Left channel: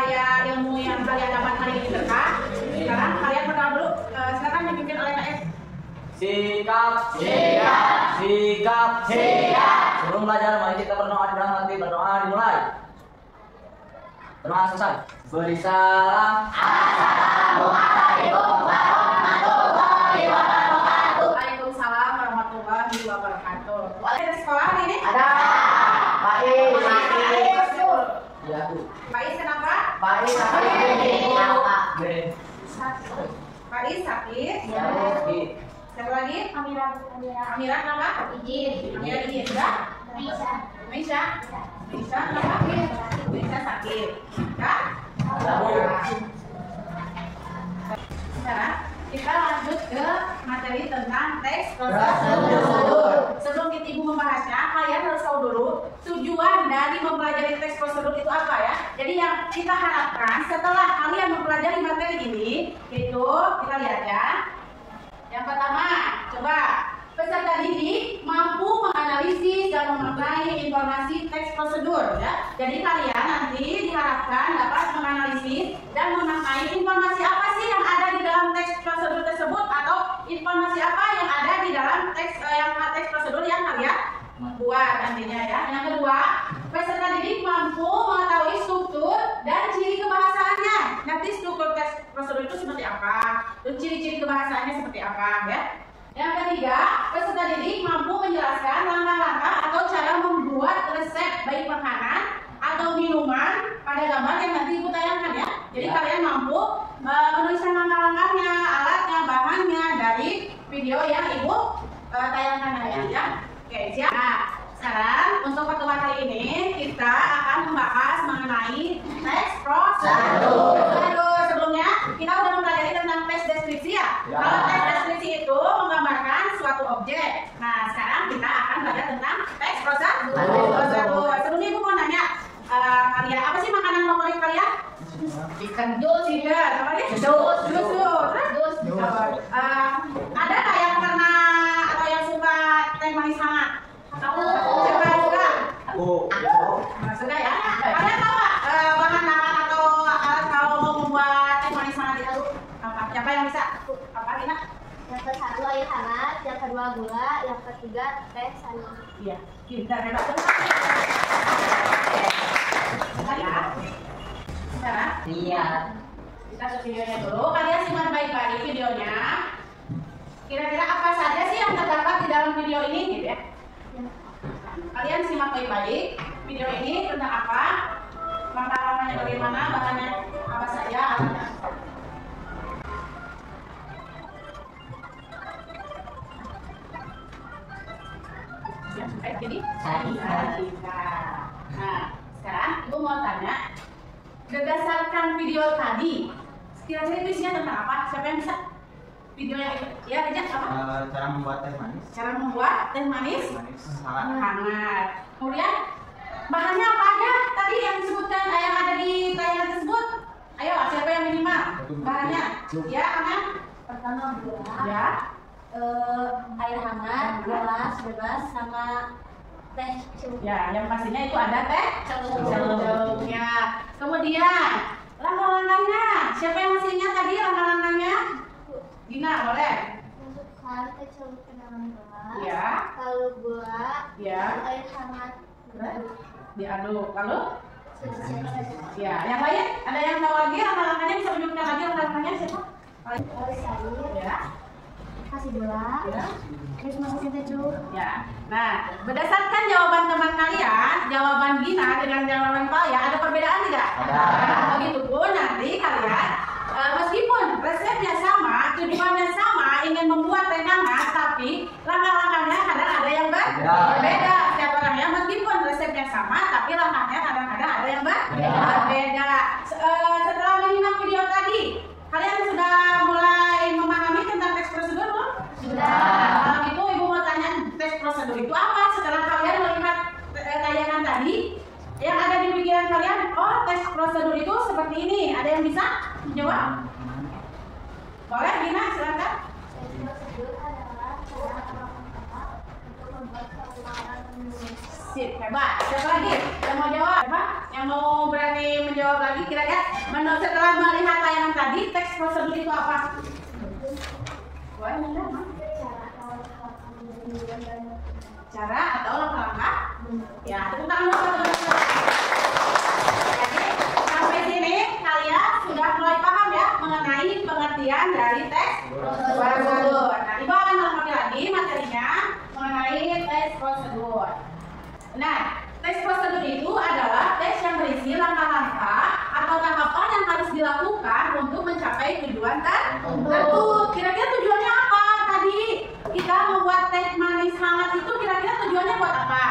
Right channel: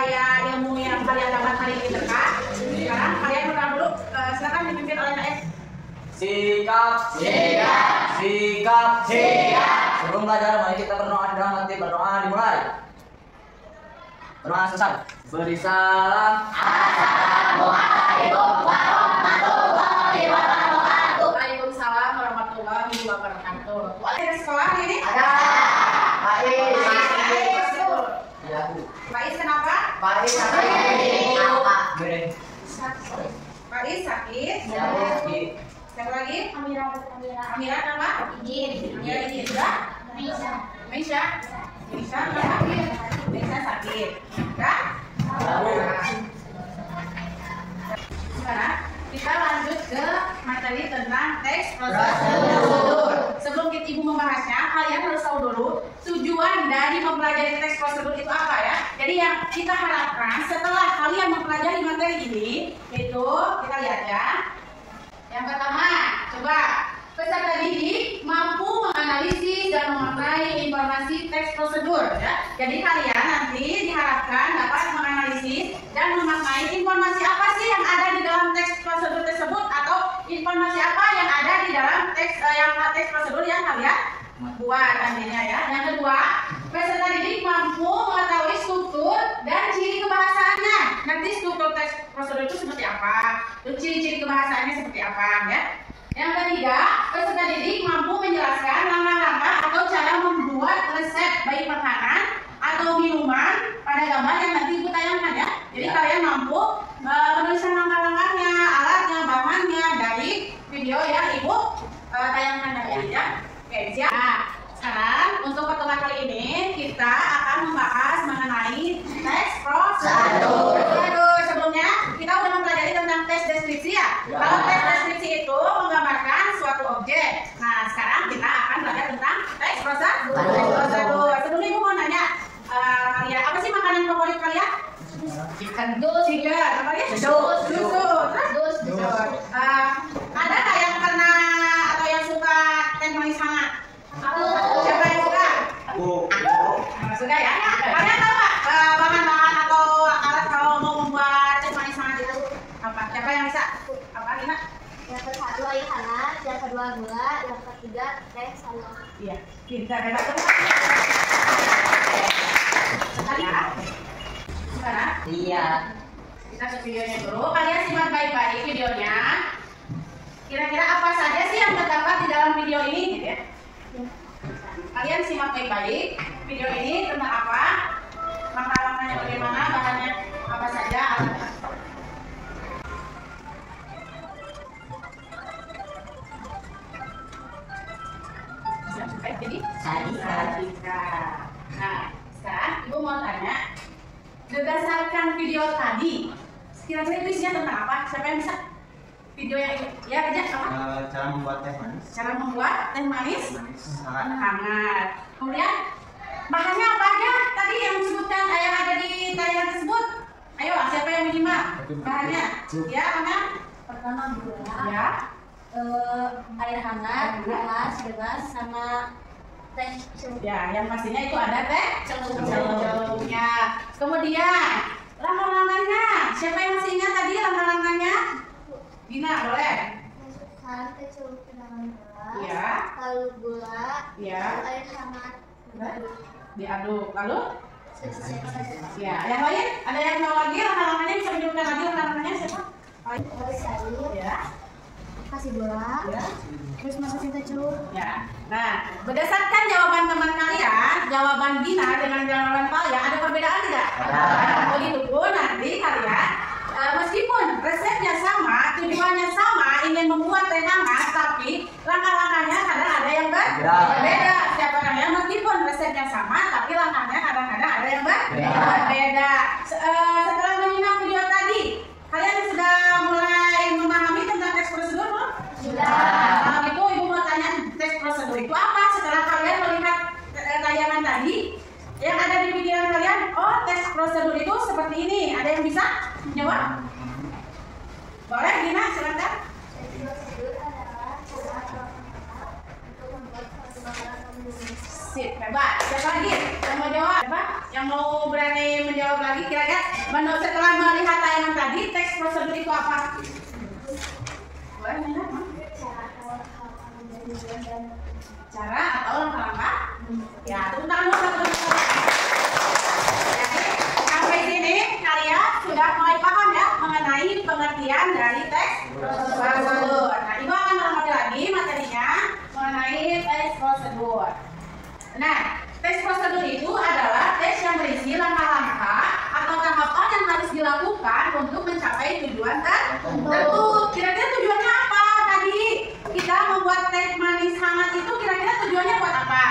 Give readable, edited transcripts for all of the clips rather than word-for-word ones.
supaya ilmu yang kalian dapat hari ini berkah. Sekarang kalian berdoa dulu. Silakan dipimpin oleh KF. Sikap. Sebelum belajar, mari kita berdoa dalam hati. Berdoa dimulai. Berdoa selesai. Beri salam. Assalamualaikum warahmatullahi wabarakatuh. Waalaikumsalam warahmatullahi wabarakatuh. Ada sekolah hari ini? Ada. Baik. Faiz kenapa? Baik. Faiz sakit. Siapa lagi? Amira. Amira kenapa? Izin. Amira ini sudah? Misha kenapa? Misha sakit. Enggak? Sekarang kita lanjut ke materi tentang teks prosedur. Sebelum ibu membahasnya, kalian harus tahu dulu tujuan dari mempelajari teks prosedur itu apa ya. Jadi yang kita harapkan setelah kalian mempelajari materi ini, itu kita lihat ya. Yang pertama, coba peserta didik mampu menganalisis dan memaknai informasi teks prosedur ya. Jadi kalian nanti diharapkan dapat menganalisis dan memaknai informasi apa sih yang ada di dalam teks prosedur tersebut, atau informasi apa yang ada di dalam teks prosedur yang kalian buat nantinya ya. Yang kedua, peserta didik mampu mengetahui struktur dan ciri kebahasaannya. Nanti struktur teks prosedur itu seperti apa, terus ciri-ciri kebahasaannya seperti apa ya. Yang ketiga, peserta didik mampu menjelaskan langkah-langkah atau cara membuat resep baik makanan atau minuman pada gambar yang nanti ibu tayangkan ya. Jadi kalian mampu menuliskan langkah-langkahnya, alatnya, bahannya dari video yang ibu tayangkan ya. Oke, siap. Nah, sekarang untuk pertemuan kali ini kita akan membahas mengenai teks prosedur. Sebelumnya kita udah mempelajari tentang teks deskripsi ya. Kalau teks deskripsi itu menggambarkan suatu objek. Nah, sekarang kita akan belajar tentang teks prosedur. Sebelumnya ibu mau nanya kalian, apa sih makanan favorit kalian? Chicken. Apa ya? Terus ada nggak yang pernah atau yang suka teh manis hangat? Siapa yang suka? Suka ya? Kalian tahu nggak bahan-bahan atau alat kalau mau membuat teh manis hangat itu apa? Siapa yang bisa? Apa Lina? Yang ke-1 air hangat, yang kedua gula, yang ketiga teh saus. Iya, kita hebat banget. Sekarang Lihat. kita ke videonya dulu. Kalian simak baik-baik videonya. Kira-kira apa saja sih yang terdapat di dalam video ini gitu ya? Kalian simak baik-baik video ini tentang apa, langkah-langkahnya bagaimana, bahannya apa saja, alatnya. Jadi nah, sekarang ibu mau tanya, berdasarkan video tadi, kira-kira itu isinya tentang apa? Siapa yang bisa? Video yang ya aja apa? Cara membuat teh manis. Cara membuat teh manis hangat. Kemudian bahannya apa aja tadi yang disebutkan yang ada di tayangan tersebut? Ayo, siapa yang minimal? Bahannya? Ya, Aman? Pertama gula, Ya. air hangat, gelas bebas, sama teh celup. Ya, yang pastinya itu ada teh celupnya. Kemudian langkah-langkahnya. Siapa yang masih ingat tadi langkah-langkahnya? Dina, boleh? Masukkan teh celup ke dalam gelas, Ya. lalu gula, Ya. lalu air hangat, Diaduk. Lalu? selesai saja. Ya, yang lain? Ada yang tahu lagi langkah-langkahnya? Bisa menyebutkan lagi langkah-langkahnya siapa? Terus air, Ya. kasih gula, Ya. terus masukin teh celup. Ya. Nah, berdasarkan jawaban teman kalian, jawaban Gina dengan jawaban Palia, ada perbedaan tidak? Ada. Nah, begitu pun nanti kalian, meskipun resepnya sama, tujuannya sama, ingin membuat teh hangat, tapi langkah-langkahnya kadang ada yang berbeda. Setiap orangnya meskipun resepnya sama, tapi langkahnya kadang-kadang ada yang berbeda. Setelah menyimak video tadi, kalian sudah mulai memahami tentang teks prosedur belum? Sudah. Kalau gitu ibu mau tanya, teks prosedur itu apa? Setelah kalian melihat tayangan tadi, yang ada di pikiran kalian, oh teks prosedur itu seperti ini. Ada yang bisa jawab? Boleh, Gina, silakan. Teks prosedur adalah cara profesional untuk membuat suatu makanan minum. Sip, hebat. Siapa lagi yang mau jawab? Siapa? Yang Yang mau berani menjawab lagi kira-kira menurut setelah melihat tayangan tadi teks prosedur itu apa? Boleh nanya? Cara atau langkah-langkah? Ya, tepuk tangan dulu. Jadi sampai sini kalian sudah mulai paham ya mengenai pengertian dari teks prosedur. Nah, Ibu akan melengkapi lagi materinya mengenai teks prosedur. Nah, teks prosedur itu adalah teks yang berisi langkah-langkah atau tahapan yang harus dilakukan untuk mencapai tujuan tertentu. Kira-kira tujuannya apa tadi? Kita membuat teh manis hangat itu kira-kira tujuannya buat apa?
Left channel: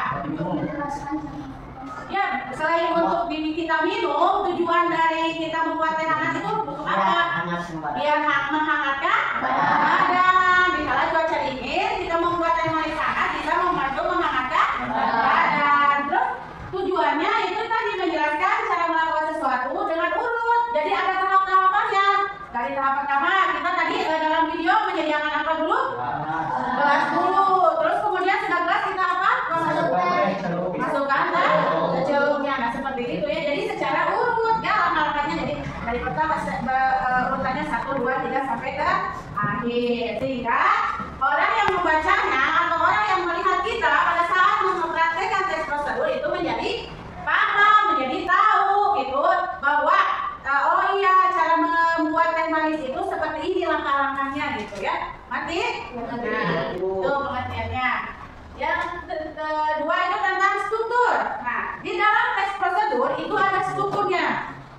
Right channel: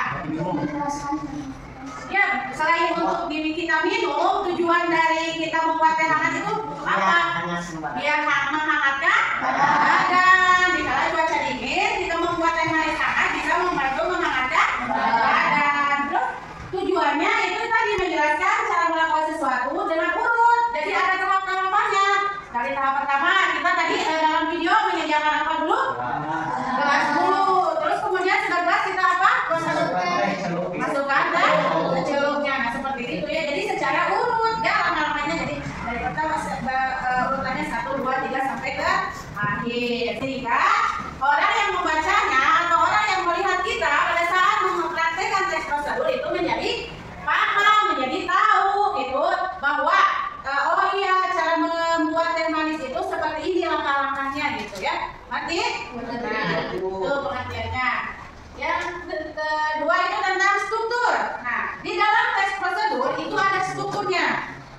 Ya, selain untuk kita minum, tujuan dari kita membuat teh hangat itu untuk apa? Biar menghangatkan badan. Dikala cuaca dingin, kita membuat teh manis hangat bisa membantu menghangatkan badan. Terus tujuannya itu tadi menjelaskan cara melakukan sesuatu dengan urut. Jadi ada tahap-tahapannya. Dari tahap pertama kita tadi dalam video menyediakan apa dulu? Gelas dulu. Terus kemudian sudah gelas kita apa? Masukkan ke celupnya. Nah seperti itu ya. Jadi secara urut ya langkah-langkahnya. Jadi dari pertama urutannya 1, 2, 3 sampai ke akhir. Sehingga orang yang membacanya atau orang yang melihat kita pada saat mempraktekkan teks prosedur itu menjadi paham, menjadi tahu gitu bahwa oh iya cara membuat teh manis itu seperti ini langkah-langkahnya gitu ya. Mati? Nah, itu pengertiannya. Yang kedua itu tentang struktur. Nah, di dalam teks prosedur itu ada strukturnya.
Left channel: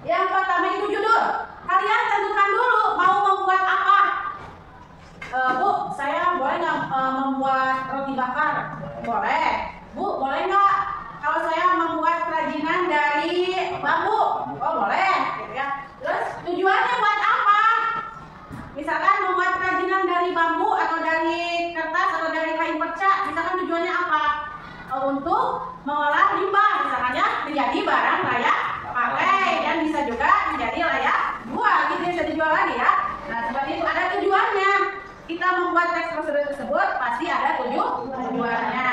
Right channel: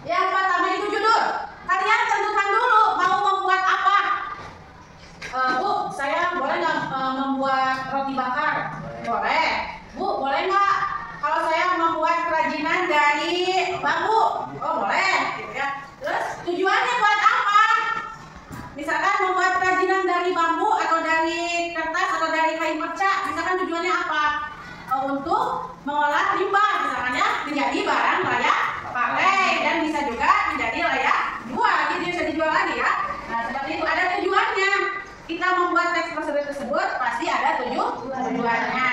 Yang pertama itu judul. Kalian tentukan dulu mau membuat apa. Bu, saya boleh nggak membuat roti bakar? Boleh. Bu, boleh nggak kalau saya membuat kerajinan dari bambu? Oh, boleh, gitu ya. Terus tujuannya buat apa? Misalkan membuat kerajinan dari bambu atau dari kertas atau dari kain perca, misalkan tujuannya apa? Untuk mengolah limbah, misalkan ya, menjadi barang layak pakai dan bisa juga menjadi layak jual, gitu bisa dijual lagi ya. Nah, seperti itu ada tujuannya. Kita membuat teks prosedur tersebut pasti ada tujuannya.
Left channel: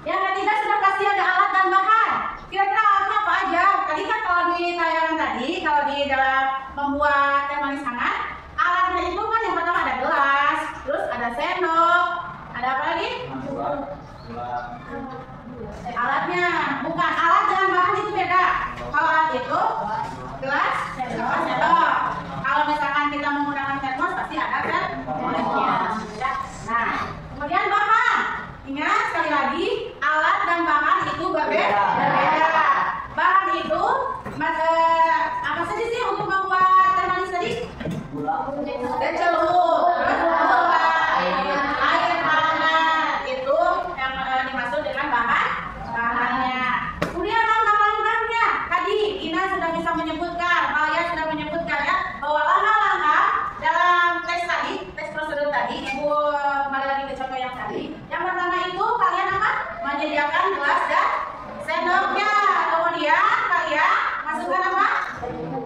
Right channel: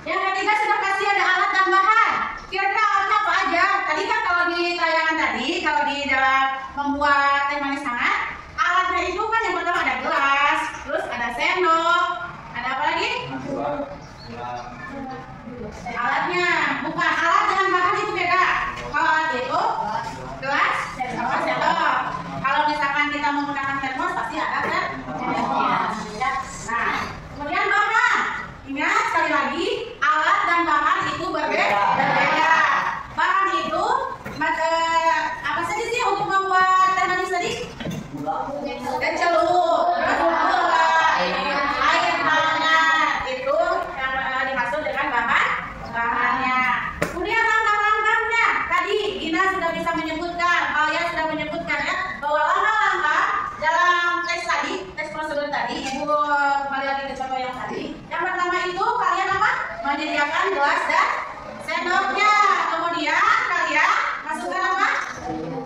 Yang ketiga sudah pasti ada alat dan bahan. Kira-kira alatnya apa aja? Tadi kan kalau di tayangan tadi, kalau di dalam membuat teh manis hangat, alatnya itu kan yang pertama ada gelas, terus ada sendok, ada apa lagi? Alatnya, bukan alat dengan bahan itu beda. Kalau alat itu gelas, sama sendok. Kalau misalkan kita menggunakan termos pasti ada kan? Nah, kemudian bahan. Ingat sekali lagi, alat dan bahan itu berbeda. Bahan itu apa saja sih untuk membuat teh manis tadi? Dan celup, gula, air hangat itu yang dimaksud dengan bahannya. Kemudian langkah-langkahnya tadi Gina sudah bisa menyebutkan, Alia sudah menyebutkan ya bahwa langkah-langkah dalam teks tadi, teks prosedur tadi, Ibu kembali lagi ke contoh yang tadi. Yang pertama itu kalian apa? Menyediakan gelas dan sendoknya. Kemudian kalian masukkan apa?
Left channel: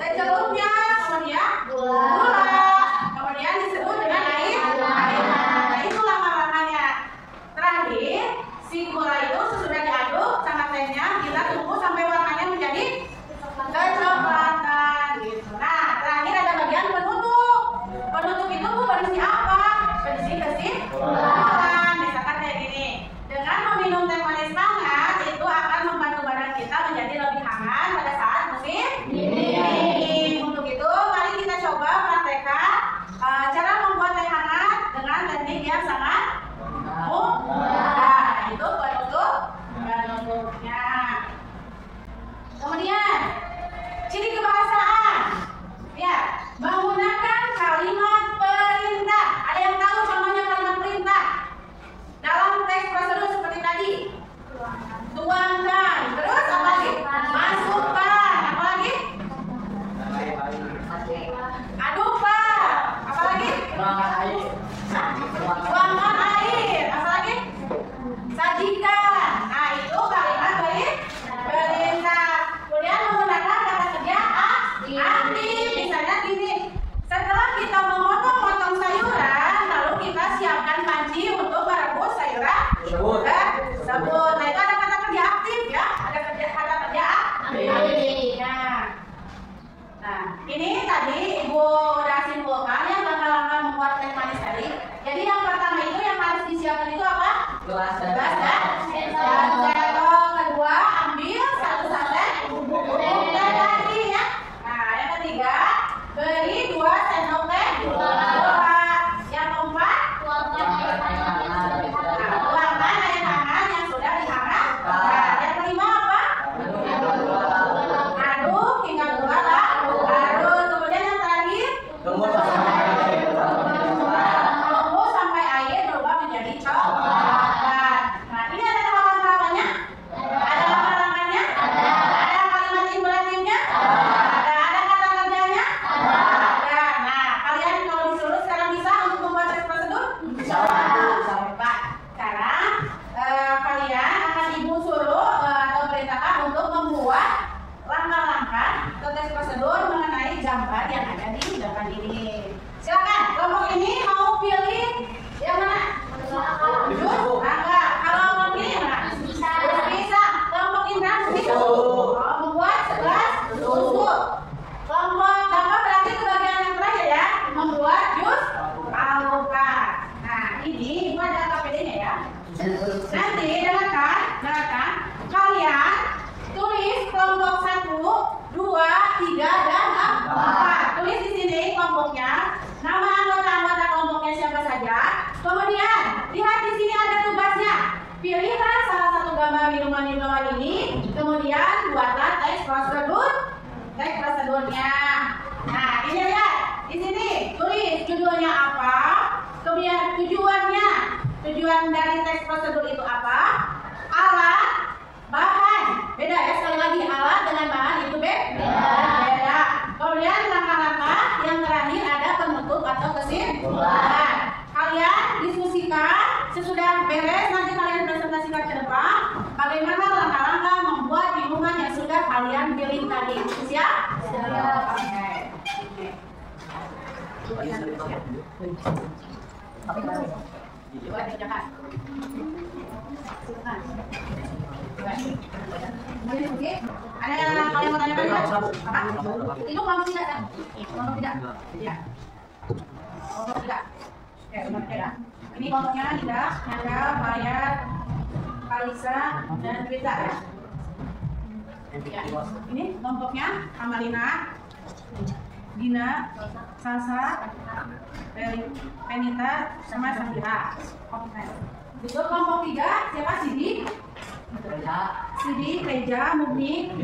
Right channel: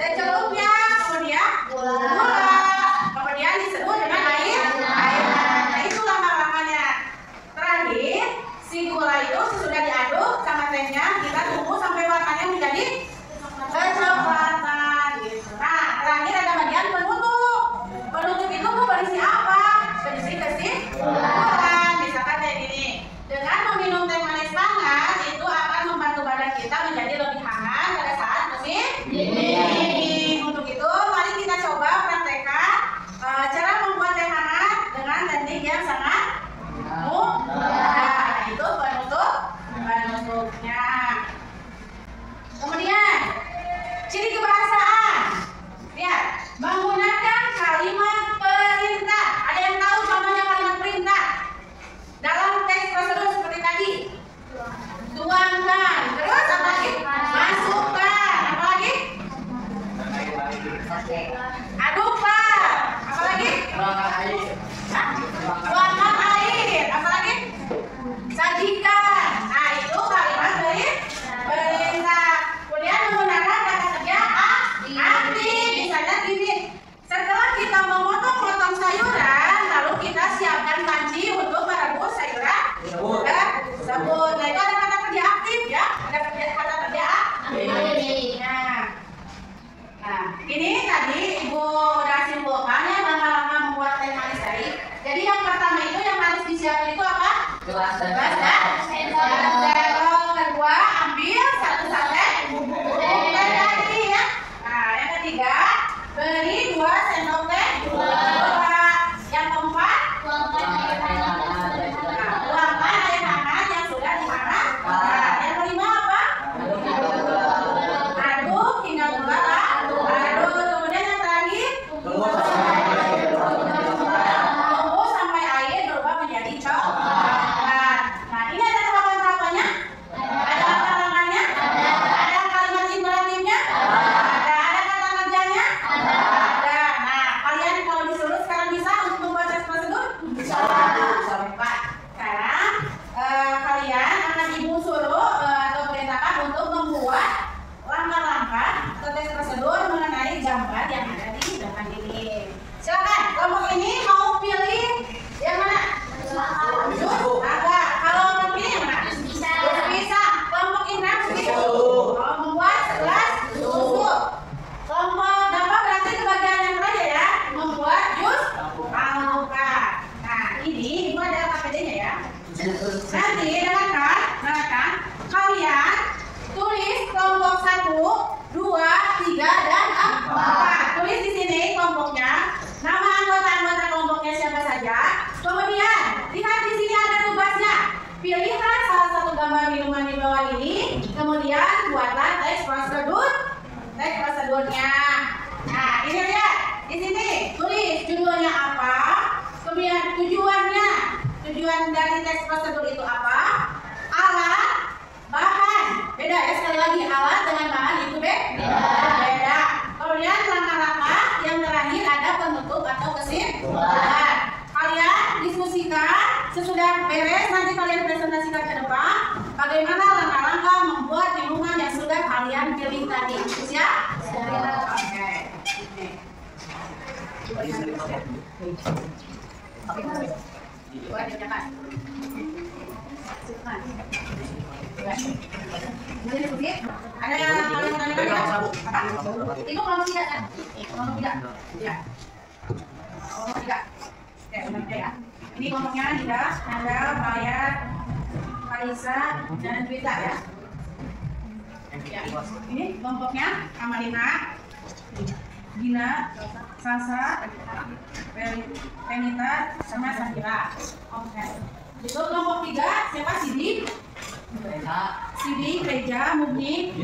Teh celupnya. Kemudian gula. Kemudian disebut dengan air hangat. Nah, itu langkah-langkahnya. Terakhir, si gula itu sesudah diaduk sama tehnya, kita tunggu sampai warnanya menjadi kecoklatan gitu. Nah, terakhir ada bagian penutup. Penutup itu berisi apa? Berisi kesimpulan. Misalkan kayak gini. Dengan meminum teh manis hangat itu akan membantu badan gambar yang ada di depan ini. Silakan, kelompok ini mau pilih yang mana? Jus, angka. Kalau kelompok ini yang mana? Bisa. Kelompok Indra bisa. Membuat segelas susu. Kelompok Bapak berarti ke bagian yang terakhir ya, membuat jus alpukat. Nah, ini ada KPD-nya ya. Nanti dengarkan, kalian tulis kelompok 1, 2, 3, dan 4. Tulis di sini kelompoknya, nama anggota kelompoknya siapa saja. Kemudian lihat di sini ada tugasnya. Pilihlah salah satu gambar minuman di bawah ini. Kemudian buatlah teks prosedurnya. Nah, ini lihat di sini tulis judulnya apa. Kemudian tujuannya. Tujuan dari teks prosedur itu apa? Alat, bahan. Beda ya, sekali lagi alat dengan bahan itu beda. Kemudian langkah-langkah yang terakhir ada penutup atau kesimpulan. Kalian diskusikan sesudah beres, nanti kalian presentasikan ke depan bagaimana langkah-langkah membuat minuman yang sudah kalian pilih tadi. Siap? Oke. Ada yang kalian mau tanyakan tidak? Itu kelompok 3 kan? Kelompok 3. Ya. Kelompok 3. Ya, benar ya. Ini kelompoknya tidak ada Bayar, Kalisa, dan Twita ya. Ya, ini kelompoknya Amalina, Gina, Salsa, Penita, sama Safira. Oke. Itu kelompok 3 siapa? Sidi, Reja, Mugni,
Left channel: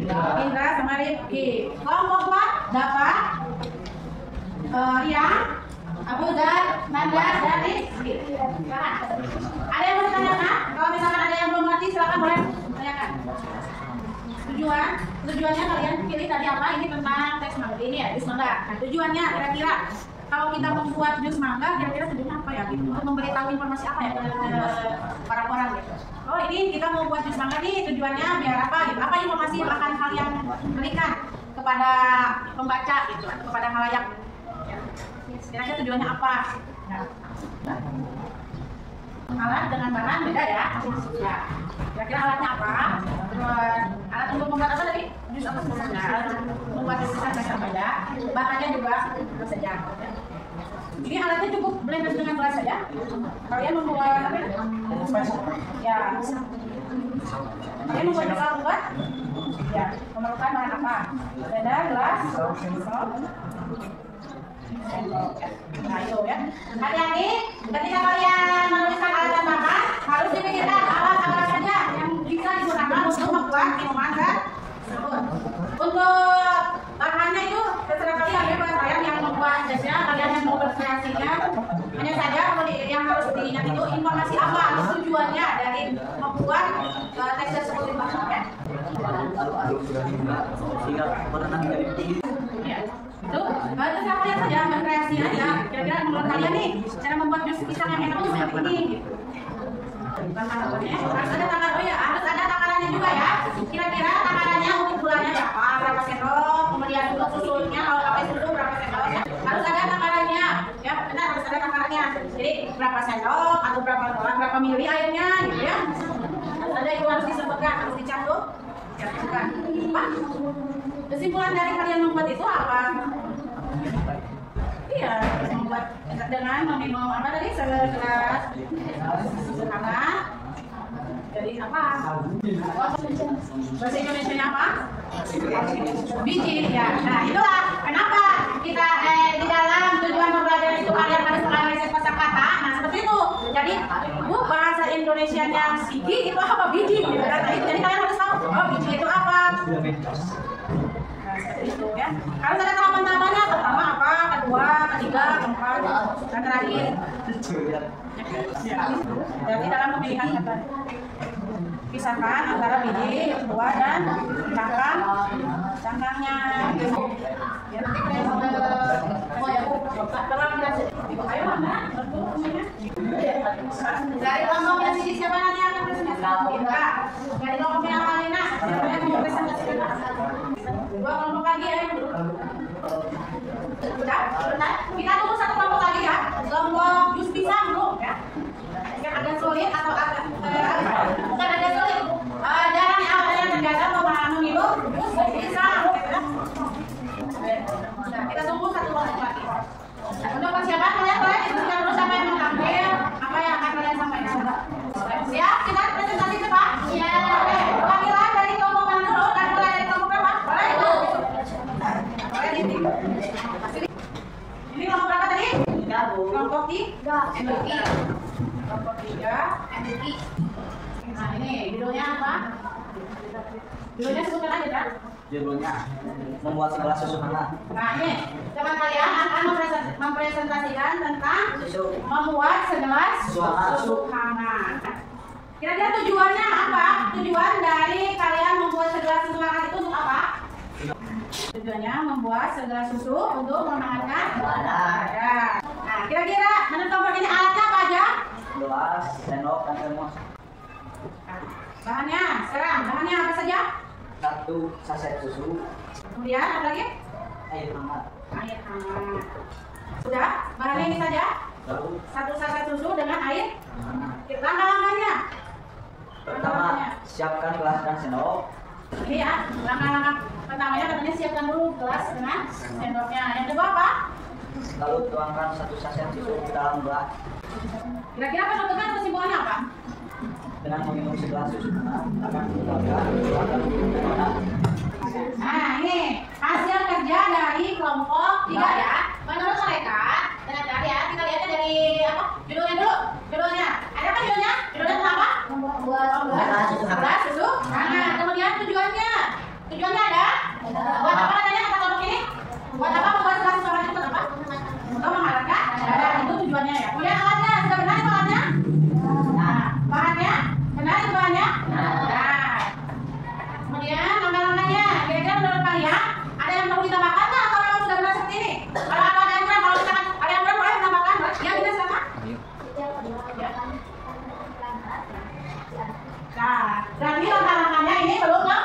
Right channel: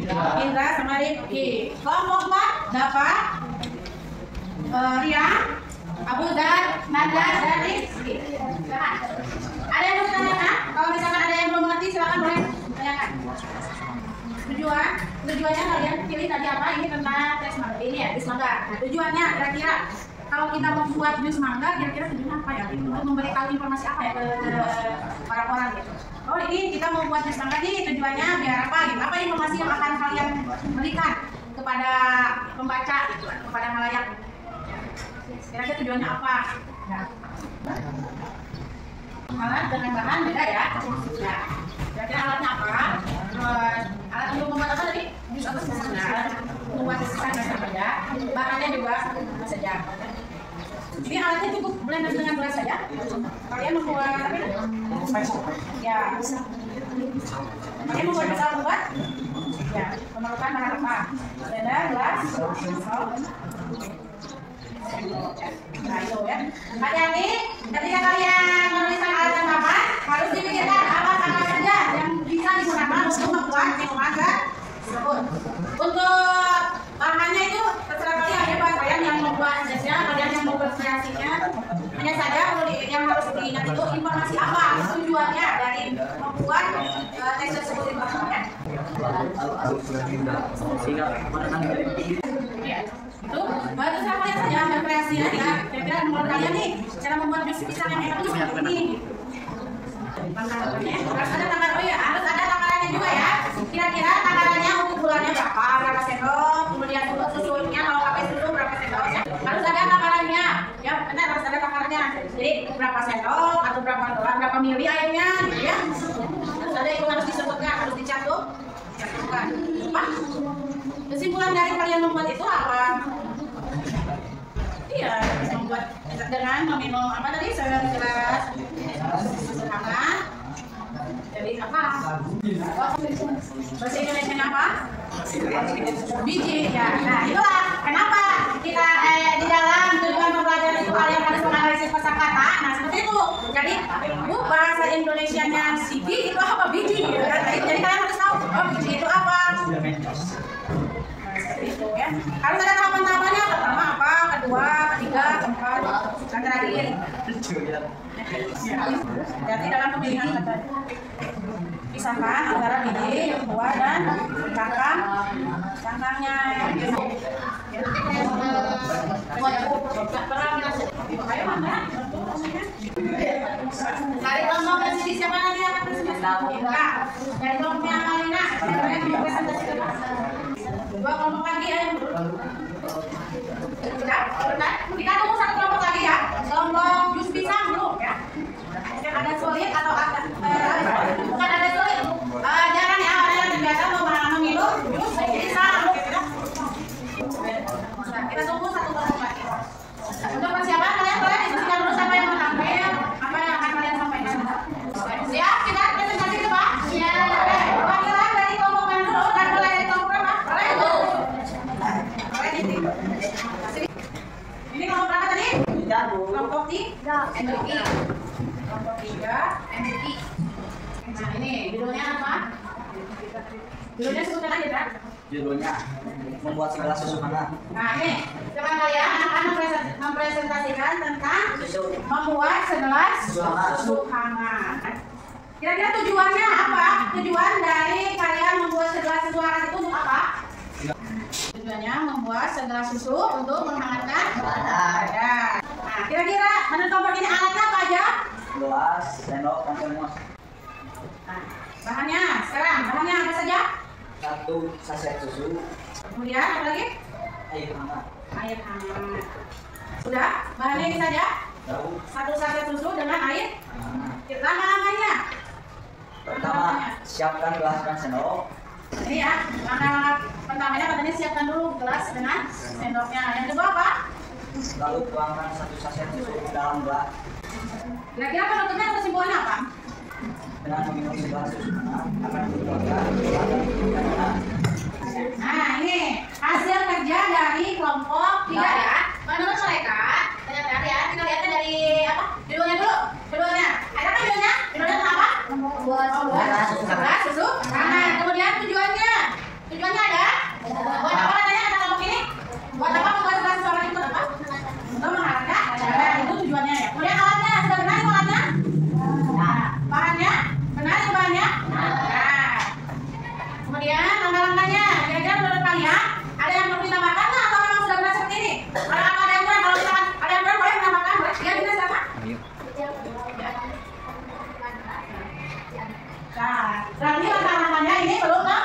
Indra, sama Rifki. Kelompok 4 dapat Ria, Abu Dar, Nanda, dan Rizky. Ada yang mau ditanyakan? Kalau misalkan ada yang belum ngerti silakan boleh tanyakan. Tujuannya kalian pilih tadi apa? Ini tentang teks mangga ini ya, jus mangga. Nah, tujuannya kira-kira kalau kita membuat jus mangga, kira-kira tujuannya apa ya? Untuk memberitahu informasi apa ya ke orang-orang gitu. Oh, ini kita mau buat jus mangga nih, tujuannya biar apa gitu? Apa informasi yang akan kalian berikan kepada pembaca gitu, kepada khalayak? Kira-kira tujuannya apa? Nah, alat dengan bahan beda ya. Ya. Kira-kira alatnya apa? Terus alat untuk membuat apa tadi? Jus apa sih? Nah, alat membuat jus kan apa ya? Bahannya juga apa saja. Ini alatnya cukup blender dengan beras saja. Kalian membuat apa? Ya. Kalian membuat jus alpukat? Ya. Memerlukan bahan apa? Blender, gelas, salt. Nah, itu ya. Hati-hati ketika kalian menuliskan alat dan bahan, harus dipikirkan apa saja yang bisa digunakan untuk membuat minuman tersebut. Untuk bahannya itu terserah kalian ya, kalian yang membuat jasnya, kalian yang mau berkreasinya. Hanya saja yang harus diingat itu informasi apa tujuannya dari membuat teks tersebut itu ya. Itu siapa lihat saja berkreasi aja. Kira-kira menurut kalian nih cara membuat jus pisang yang enak itu seperti ini. Harus ada takaran, oh ya harus ada takarannya juga ya. Kira-kira takarannya untuk gulanya berapa sendok, kemudian untuk susunya kalau pakai susu berapa sendok ya. Harus ada takarannya, ya benar harus ada takarannya. Jadi berapa sendok atau berapa mili airnya, gitu ya. Harus ada itu harus disebutkan, harus dicatat. Bukan. Apa? Kesimpulan dari kalian membuat itu apa? Iya, membuat dengan meminum apa tadi? Segelas hangat. Jadi apa? Bahasa Indonesia apa? Biji. Ya. Nah, itulah kenapa kita di dalam tujuan pembelajaran itu kalian harus menganalisis kosakata. Nah, seperti itu. Jadi, bahasa Indonesianya sigi itu apa? Biji. Gitu kan? Jadi kalian harus tahu, oh biji itu apa? Nah, seperti itu ya. Harus ada tahapan-tahapannya. Pertama apa? Kedua, ketiga, keempat, dan terakhir. Ya. Jadi dalam pemilihan kata pisahkan antara biji, buah, dan cangkangnya. Ya. Ayo, mana? Dari kelompoknya Siti siapa nanti yang akan presentasi? Indra. Dari kelompoknya Amalina siapa yang mau presentasikan? Dua kelompok lagi ayo. Sudah? Kita tunggu satu kelompok lagi ya. Kelompok jus pisang dulu ya. Yang ada sulit atau bukan ada sulit. Jarang ya ada yang terbiasa meminum jus pisang. Nah, kita tunggu satu kelompok lagi. Untuk persiapan kalian boleh diskusikan dulu siapa yang mau tampil, apa yang akan kalian sampaikan. Siap? Kita presentasi ke Pak? Iya. Oke. Perwakilan dari kelompok mana dulu? Dan dari kelompok berapa? Boleh itu. Boleh ini. Ini kelompok berapa tadi? Kelompok 3. MBQ. Kelompok 3. MBQ. Nah ini judulnya apa? Judulnya sebutkan aja kan? Judulnya membuat segelas susu hangat. Nah ini teman kalian akan mempresentasikan tentang membuat segelas susu hangat. Kira-kira tujuannya apa? Tujuan dari kalian membuat segelas susu hangat itu untuk apa? Tujuannya membuat segelas susu untuk menghangatkan badan. Nah kira-kira menurut kelompok ini alatnya apa aja? Gelas, sendok, dan termos. Nah, bahannya sekarang bahannya apa saja? 1 saset susu. Kemudian apa lagi? Air hangat. Air hangat. Sudah? Bahannya ini saja? Lalu 1 saset susu dengan air hangat. Langkah-langkahnya. Pertama, siapkan gelas dan sendok. Ini ya, langkah-langkah pertamanya katanya siapkan dulu gelas dengan sendoknya. Yang kedua apa? Lalu tuangkan 1 saset susu ke dalam gelas. Kira-kira penutupnya atau kesimpulannya apa? Dengan meminum segelas susu hangat akan mengeluarkan keluarga. Nah ini hasil kerja dari kelompok 3 ya. Menurut mereka, benar-benar ya, kita lihatnya dari apa? Judulnya dulu. Judulnya, ada kan judulnya? Judulnya tentang apa? Membuat Segelas susu. Nah, kemudian tujuannya. Tujuannya ada? Buat apa katanya kata kelompok ini? Buat apa membuat segelas susu hangat itu apa? Untuk menghangatkan. Nah, itu tujuannya ya. Kemudian alatnya, sudah benar itu alatnya? Nah, bahannya? Benar itu bahannya? Nah. Kemudian langkah-langkahnya. Kira-kira menurut kalian ada yang perlu ditambahkan nggak atau memang sudah benar seperti ini? Kalau ada yang kurang, kalau misalkan ada yang kurang boleh menambahkan, boleh? Ya, bisa silakan. Nah, berarti langkah-langkahnya ini belum lengkap.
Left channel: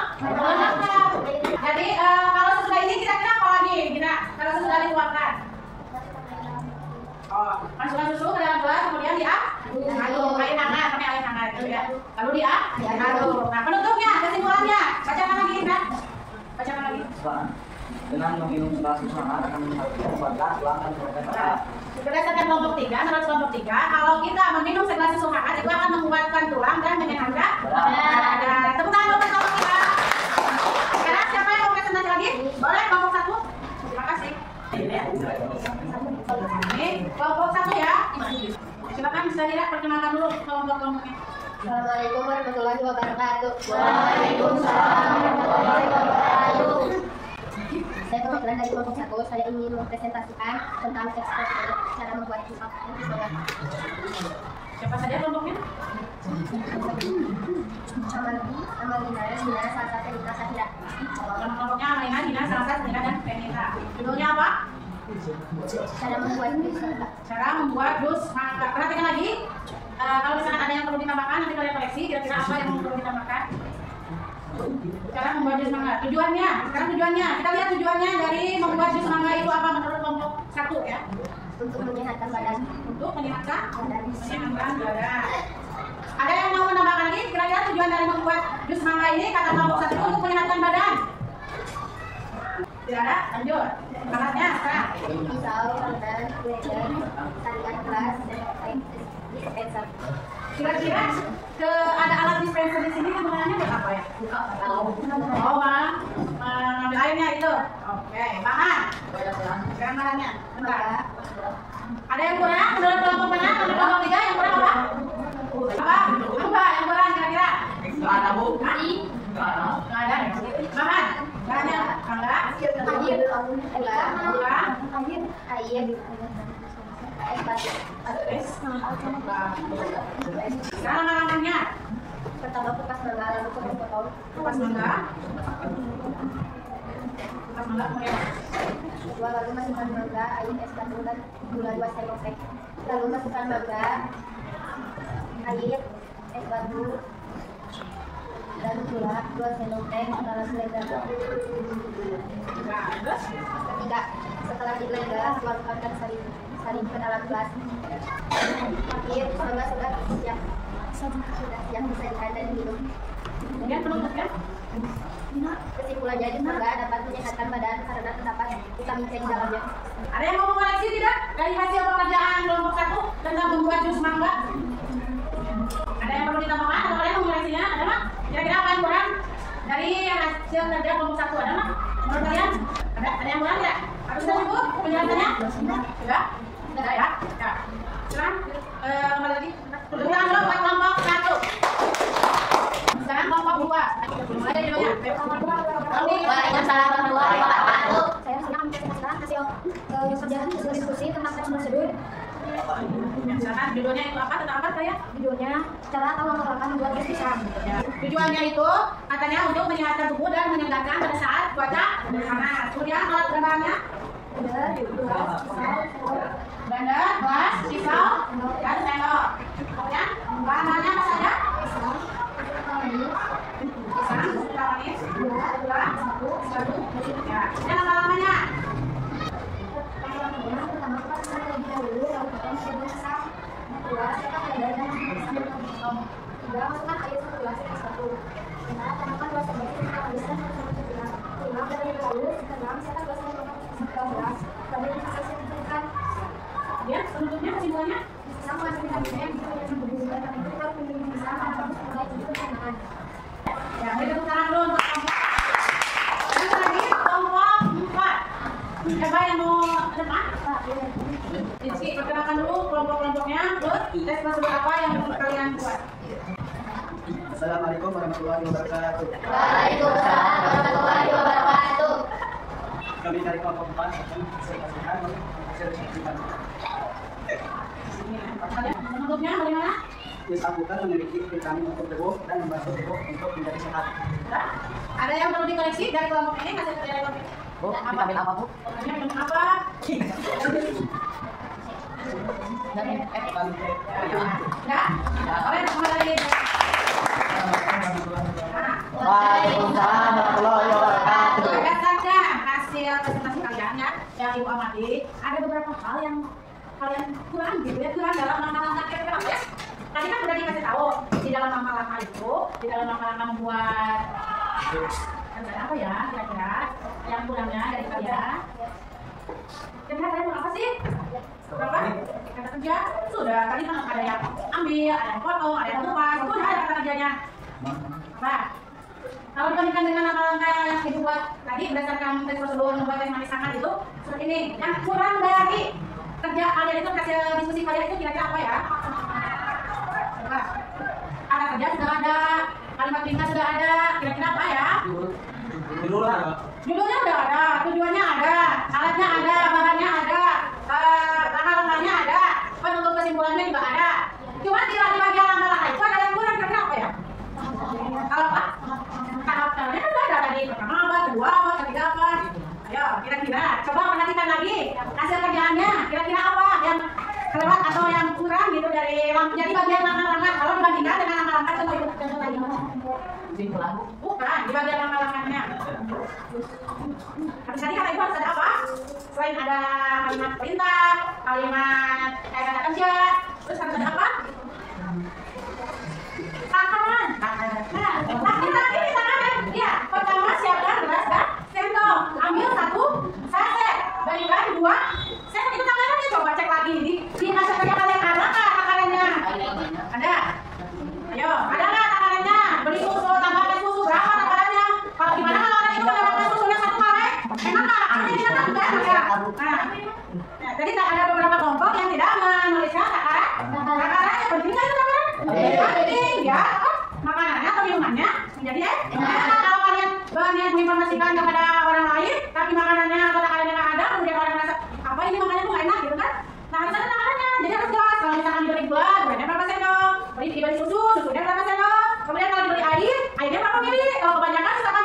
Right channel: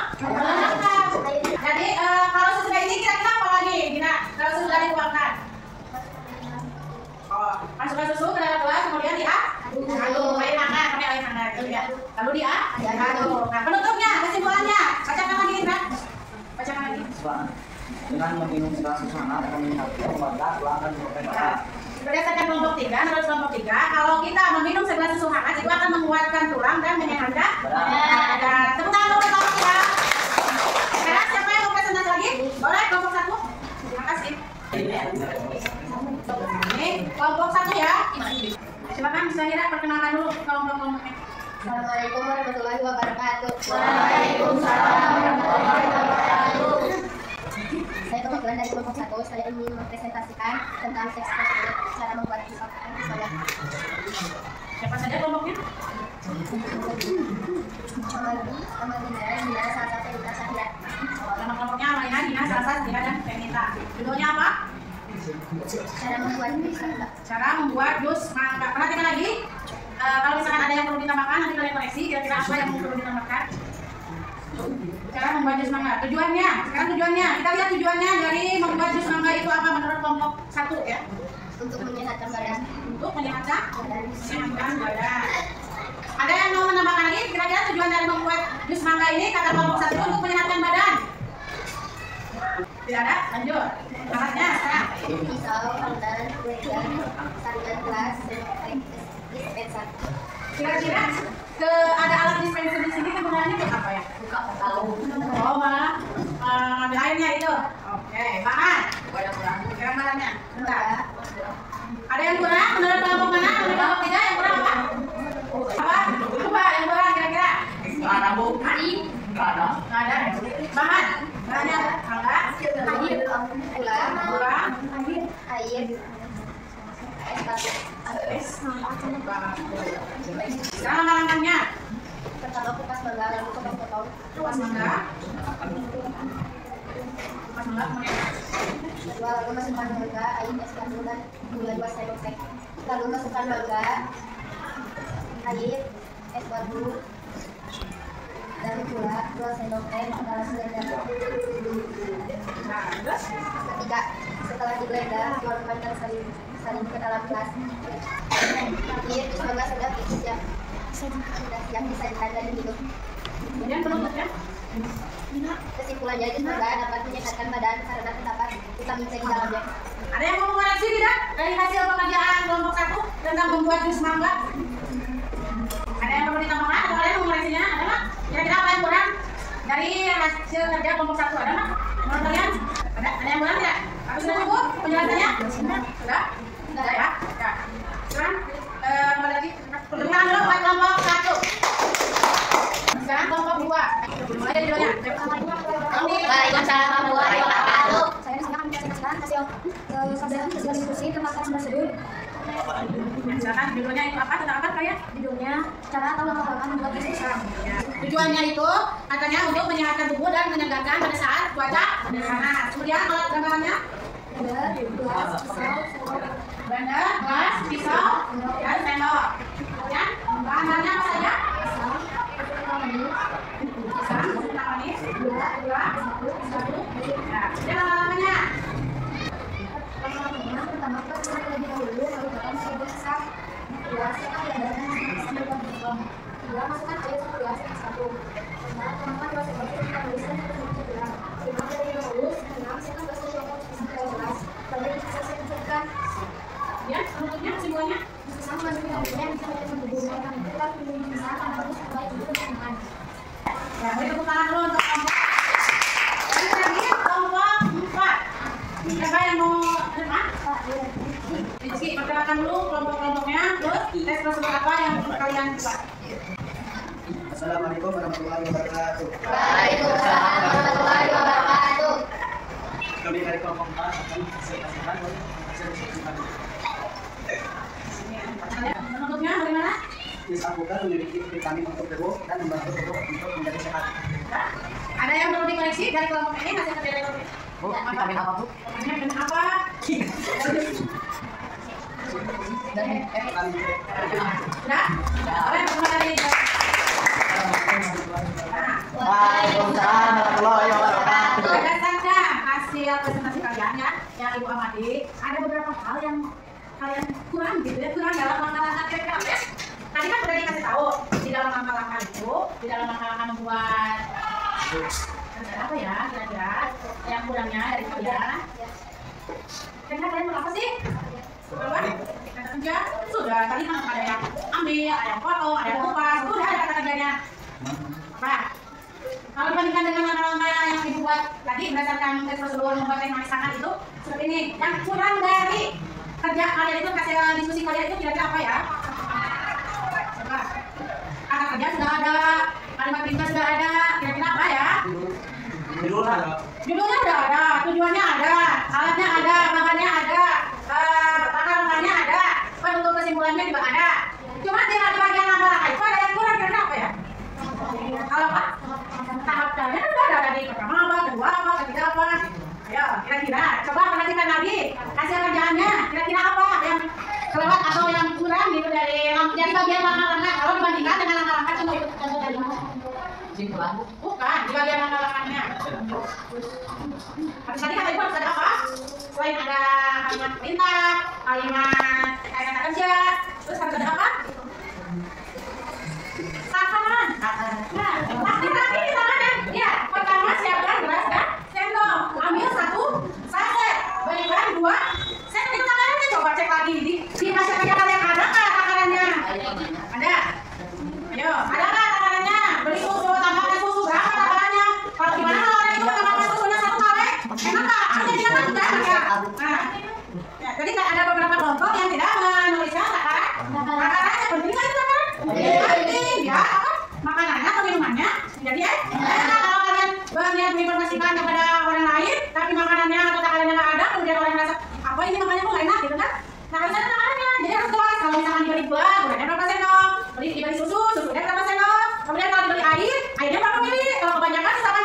Jadi kalau sesudah ini kira-kira apa lagi? Gina, kalau sesudah dikeluarkan. Oh, masukkan susu ke dalam gelas, kemudian diaduk air hangat, pakai air hangat gitu ya. Lalu diaduk. Nah, penutupnya, kesimpulannya, bacakan lagi kan? Bacakan lagi. Dengan meminum segelas susu hangat akan menghapuskan badan, tulang, dan berpengaruh. Berdasarkan kelompok 3, menurut kelompok 3, kalau kita meminum segelas susu hangat itu akan menguatkan tulang dan menyehatkan badan. Tepuk tangan untuk kelompok ya. Sekarang siapa yang mau presentasi lagi? Boleh kelompok 1? Terima kasih. Ini kelompok 1 ya. Silakan bisa tidak perkenalkan dulu kelompok-kelompoknya. Assalamualaikum warahmatullahi wabarakatuh. Waalaikumsalam warahmatullahi wabarakatuh. Saya perwakilan dari kelompok 1. Saya ingin mempresentasikan tentang ekspresi cara membuat pisang. Siapa saja kelompoknya? Amalina, Dina, Salsa, Fenita, Sahira. Nama kelompoknya Amalina, Dina, Salsa, Sahira, dan Fenita. Judulnya apa? Cara membuat pisang. Cara membuat jus mangga. Perhatikan lagi. Kalau misalkan ada yang perlu ditambahkan, nanti kalian koreksi. Kira-kira apa yang perlu ditambahkan? Cara membuat jus mangga. Tujuannya. Sekarang tujuannya. Kita lihat tujuannya dari membuat jus mangga itu apa menurut kelompok 1 ya? Untuk menyehatkan badan. Untuk menyehatkan badan. Ada yang mau menambahkan lagi? Kira-kira tujuan dari membuat jus mangga ini kata kelompok 1 untuk menyehatkan badan? Tidak ada? Lanjut. Alatnya sekarang. Pisau, parutan, blender, saringan gelas, sendok teh, dispenser. Kira-kira ada alat dispenser di sini sebenarnya buat apa ya? Buka tahu. Oh malah ngambil airnya itu. Oke, bahan. Kira bahannya. Bentar. Ada yang kurang? Menurut kelompok mana? Menurut kelompok 3 yang kurang apa? Apa? Apa yang kurang kira-kira? Nggak ada, Bu. Nggak ada. Nggak ada. Bahan. Bahannya mangga. Air, gula, air, es batu. Es. Sekarang langkah-langkahnya. Pertama kupas mangga, lalu potong-potong. Kupas mangga. Kupas mangga kemudian. Kedua, lalu masukkan mangga, air, es batu, dan gula 2 sendok teh. Lalu masukkan mangga, air, es batu, dan gula 2 sendok teh dalam blender. Nah, terus Ketiga, setelah di blender, keluarkan sari ke dalam gelas. Akhir, semoga sudah siap disajikan dan diminum. kemudian penutupnya. Kesimpulannya, jus mangga dapat menyehatkan badan karena terdapat vitamin C di dalamnya. Ada yang mau mengoreksi tidak dari hasil pekerjaan kelompok 1 tentang membuat jus mangga? Ada yang perlu ditambahkan atau kalian mau mengoreksinya? Ada mak? Kira-kira apa yang kurang dari hasil kerja kelompok 1? Ada mak? Menurut kalian? Ada yang kurang tidak? Apa sudah cukup penjelasannya? Sudah? Sudah ya? Sudah. Silakan kembali lagi. Pertemuan dulu buat kelompok 1. Sekarang kelompok 2. Mulai dari dulunya. Waalaikumsalam warahmatullahi wabarakatuh. Saya akan menjelaskan hasil diskusi tentang tes prosedur. Ya, silakan judulnya itu apa? Tentang apa kalian? Judulnya cara atau langkah-langkah membuat tes pisang. Ya. Tujuannya itu katanya untuk menyehatkan tubuh dan menyegarkan pada saat cuaca panas. Kemudian alat gambarannya Blender, gelas, pisau, sendok. blender, gelas, pisau, dan sendok. Kemudian bahan-bahannya apa saja? Pisang, manis, Pisang, sudah manis, gula, gula, satu. ya. Dan langkah-langkahnya. Pertama, kita pisang terlebih dahulu, lalu potong seribu pisang. Kedua, siapkan blender dan pisang dipotong. Tiga, masukkan air 1 gelas ke 1. Keempat, tambahkan 2 sendok pisang manis dan 1 sendok gula. 5, blender lebih halus. 6, siapkan 2 sendok pisang ke dalam gelas. Lalu disajikan. Kemudian penutupnya, kesimpulannya. Pisang mengandung vitamin yang bisa menjadi tubuh. Karena itu kita harus minum pisang karena bagus membaik tubuh dan pencernaan. Ya, beri tepuk tangan dulu untuk kelompok. Dan terakhir kelompok 4. Siapa yang mau depan? Rizky, perkenalkan dulu kelompok-kelompoknya, terus tes prosedur apa yang kalian buat. Assalamualaikum warahmatullahi wabarakatuh. Waalaikumsalam warahmatullahi wabarakatuh. Kami dari kelompok 4 akan presentasikan hasil diskusi. Penutupnya bagaimana? Jus alpukat memiliki vitamin untuk tubuh dan membantu tubuh untuk menjadi sehat. Sudah? Ada yang perlu dikoreksi dari kelompok ini hasil kerja dari kelompok ini? Bu, vitamin apa, Bu? Pokoknya vitamin apa? Vitamin C. Sudah? Oleh kembali. Waalaikumsalam warahmatullahi wabarakatuh. Berdasarkan hasil presentasi kalian ya Ibu amati, ada beberapa hal yang kalian kurang gitu ya, kurang dalam langkah-langkah kira-kira ya. Tadi kan udah dikasih tahu di dalam langkah-langkah itu, di dalam langkah-langkah membuat apa ya kira-kira yang kurangnya dari kalian. Kira-kira kalian mau apa sih? Berapa? Kata kerja? Sudah, tadi kan ada yang ambil, ada yang potong, ada yang kupas, itu udah ada kata kerjanya. Apa? Kalau dibandingkan dengan langkah-langkah yang Ibu buat tadi berdasarkan tes prosedur membuat teh manis sangat itu seperti ini. Yang kurang dari kerja kalian itu, hasil diskusi kalian itu kira-kira apa ya? Coba. Kata kerja sudah ada, kalimat perintah sudah ada, kira-kira apa ya? Judulnya udah ada, tujuannya ada, alatnya ada, bahannya ada, langkah-langkahnya ada, penutup kesimpulannya juga ada. Cuma di bagian langkah-langkah itu ada yang kurang, kira-kira apa ya? Kalau Pak, tahap kalian udah ada tadi, pertama apa, kedua apa, ketiga apa? Ayo, kira-kira, coba perhatikan lagi hasil kerjaannya, kira-kira apa yang kelewat atau yang kurang gitu dari bagian langkah-langkah. Kalau dibandingkan dengan langkah-langkah, coba ikut contoh tadi. Bukan, di bagian langkah-langkahnya. Tadi kata Ibu harus ada apa? Selain ada kalimat perintah, kalimat kata kerja, terus harus ada apa? Takaran. Nah, di tangan ya. Pertama siapkan gelas dan sendok. Ambil 1 saset, berikan 2 set. Itu takarannya, coba cek lagi di masa kerja kalian ada nggak takarannya? Ada. Ayo, ada nggak takarannya? Beli susu, tambahkan susu, berapa takarannya? Kalau gimana kalau orang itu menambahkan susunya 1 kaleng? Enak nggak? Ada tidak kan? Nah, ya, jadi ada beberapa kelompok yang tidak menuliskan takaran. Takarannya penting nggak itu takaran? Penting ya. Makanannya atau minumannya menjadi kalau kalian banyak menginformasikan kepada orang lain tapi makanannya atau takarannya nggak ada, kemudian orang merasa apa ini makanannya tuh nggak enak gitu kan? Nah, harus ada takarannya, jadi harus jelas. Kalau misalkan dibeli gula, gulanya berapa sendok, dibeli susu, susunya berapa sendok, kemudian kalau dibeli air, airnya berapa mili. Kalau kebanyakan misalkan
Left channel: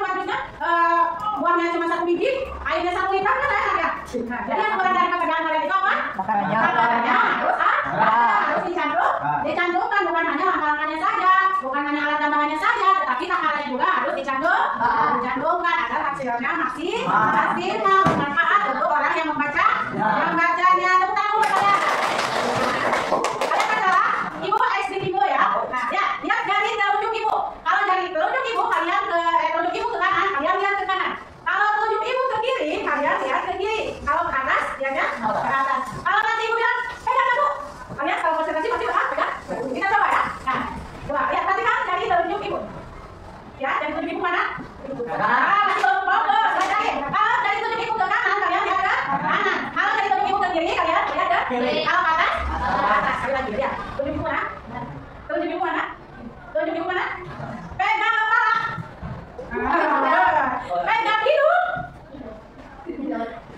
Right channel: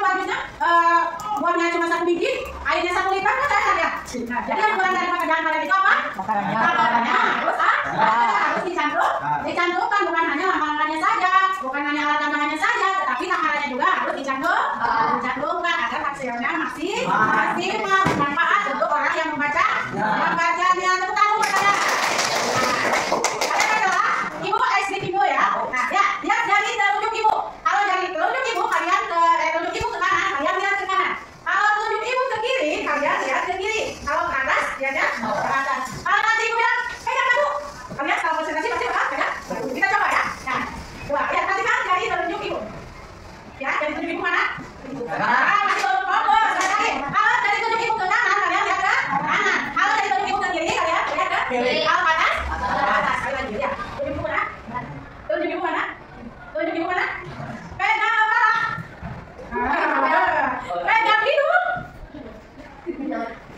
buahnya cuma 1 biji, airnya 1 liter kan enak ya. Nah, jadi yang kurang dari pekerjaan kalian itu apa? Takarannya. Terus Harus dicantumkan bukan hanya langkah-langkahnya saja, bukan hanya alat tambahannya saja, tetapi takarannya juga harus dicantumkan agar hasilnya maksimal bermanfaat untuk orang yang membacanya. Tepuk tangan buat saya. Kalian adalah ibu pakai slip ibu ya. Nah, ya, lihat jari telunjuk ibu. Kalau jari telunjuk ibu kalian telunjuk ibu ke kanan, kalian lihat ke kanan. Kalau telunjuk ibu ke kiri, kalian lihat ke kiri. Kalau ke atas, lihatnya ke atas. Kalau nanti ibu bilang, pegang dulu. Kalian kalau konsentrasi pasti pegang. Kita coba ya. Nah, coba lihat perhatikan jari telunjuk ibu. Ya, jari telunjuk ibu mana? Masih belum fokus. Lagi. Kalau jari telunjuk ibu ke kanan, kalian lihat ke kanan. Kalau jari telunjuk ibu ke kiri, kalian lihat ke kiri. Kalau ke atas, ke atas. Sekali lagi lihat. Telunjuk ibu mana? Telunjuk ibu mana? Telunjuk ibu mana? Pegang kepala. Pegang hidung.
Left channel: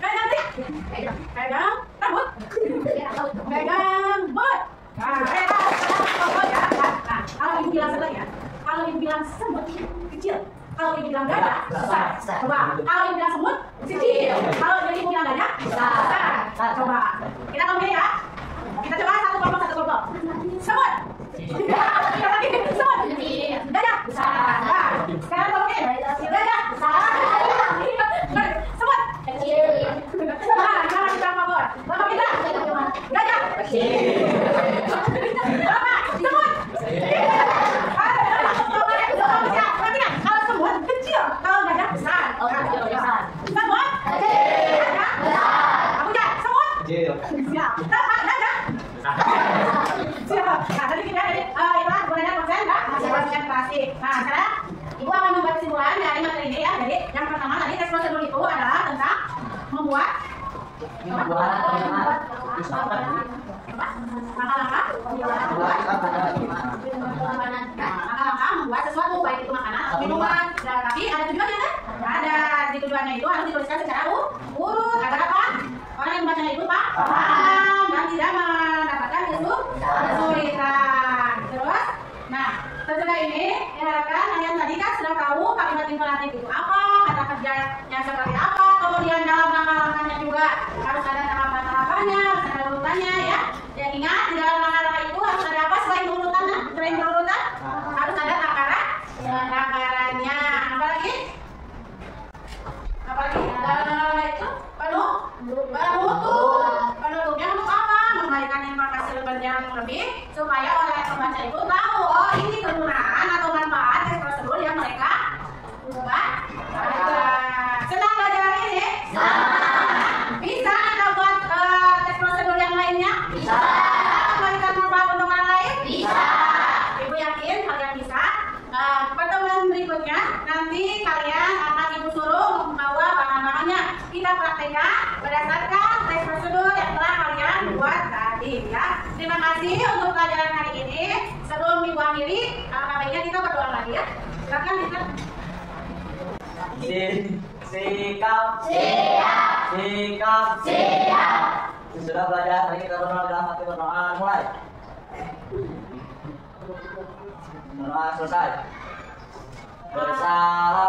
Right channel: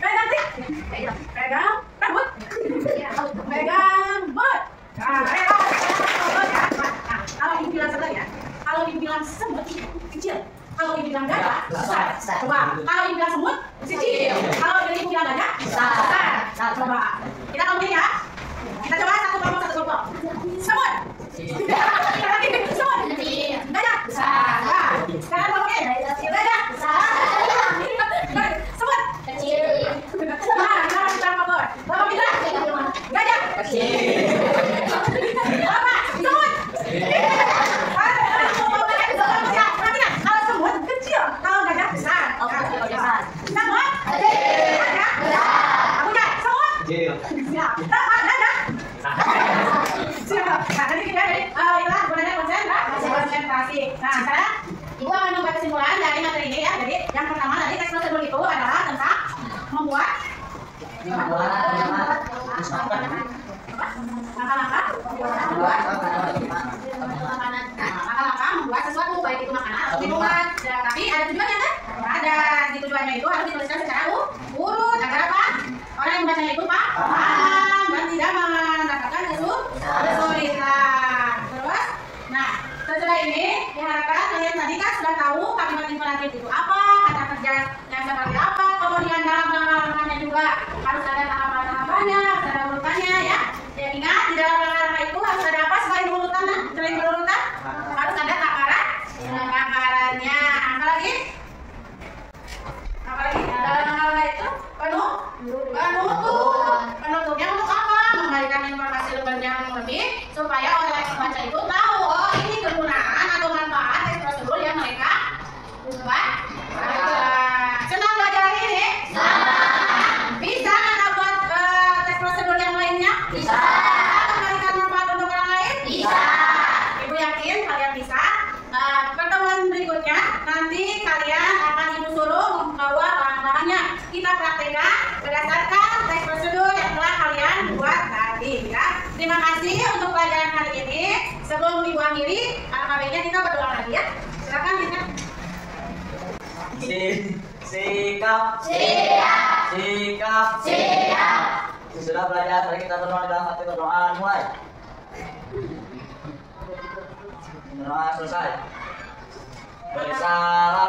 Pegang tik. Pegang rambut. Pegang mulut. Kalau ibu bilang sedang ya. Kalau ibu bilang semut kecil. Kalau ibu bilang gajah besar. Coba. Kalau ibu bilang semut kecil. Kalau ibu bilang gajah besar. Coba. Kita ngomongin ya. Kita coba satu kelompok. Semut. Lagi semut. Gajah besar. Sekarang ngomongin gajah besar. Semut kecil. Jangan kita fokus. Bapak bilang gajah kecil. Bapak semut. Perhatikan, kalau semut kecil, kalau gajah besar. Semut gajah. Kamu ya, semut. Siap. Bapak gajah. Siap. Nah, tadi kita itulah gunanya konsentrasi. Nah, sekarang ibu akan membuat kesimpulan dari materi ini ya. Jadi yang pertama tadi teks prosedur itu adalah tentang membuat langkah membuat sesuatu, baik itu makanan atau minuman. Tapi ada tujuannya kan? Ada. Di tujuannya itu harus dituliskan secara urut agar apa? Orang yang membacanya itu paham dan tidak mendapatkan kesulitan. Terus, nah setelah ini diharapkan kalian tadi kan sudah tahu kalimat imperatif itu apa, kata kerja yang seperti apa, kemudian dalam langkah-langkahnya juga harus ada tahapan-tahapannya, harus ada urutannya ya. Dan ingat di dalam langkah-langkah itu harus ada apa selain urutannya? Selain berurutan harus ada takarannya. Apalagi dalam langkah itu penutupnya untuk apa? Memberikan informasi lebih supaya orang yang membaca itu tahu oh ini kegunaan atau manfaat teks prosedur yang mereka baca. Senang belajar hari ini? Bisa kita buat teks prosedur yang lainnya? Bisa. Memberikan manfaat untuk orang lain? Bisa. Ibu yakin kalian bisa. Pertemuan berikutnya nanti kalian akan ibu suruh membawa bahan-bahannya. Kita praktekkan berdasarkan teks prosedur yang telah kalian buat tadi ya. Terima kasih untuk pelajaran hari ini. Sebelum ibu akhiri, baiknya kita berdoa lagi ya. Silakan kita. Sikap. Sudah belajar, mari kita berdoa dalam hati berdoa mulai. Berdoa selesai. Bersalah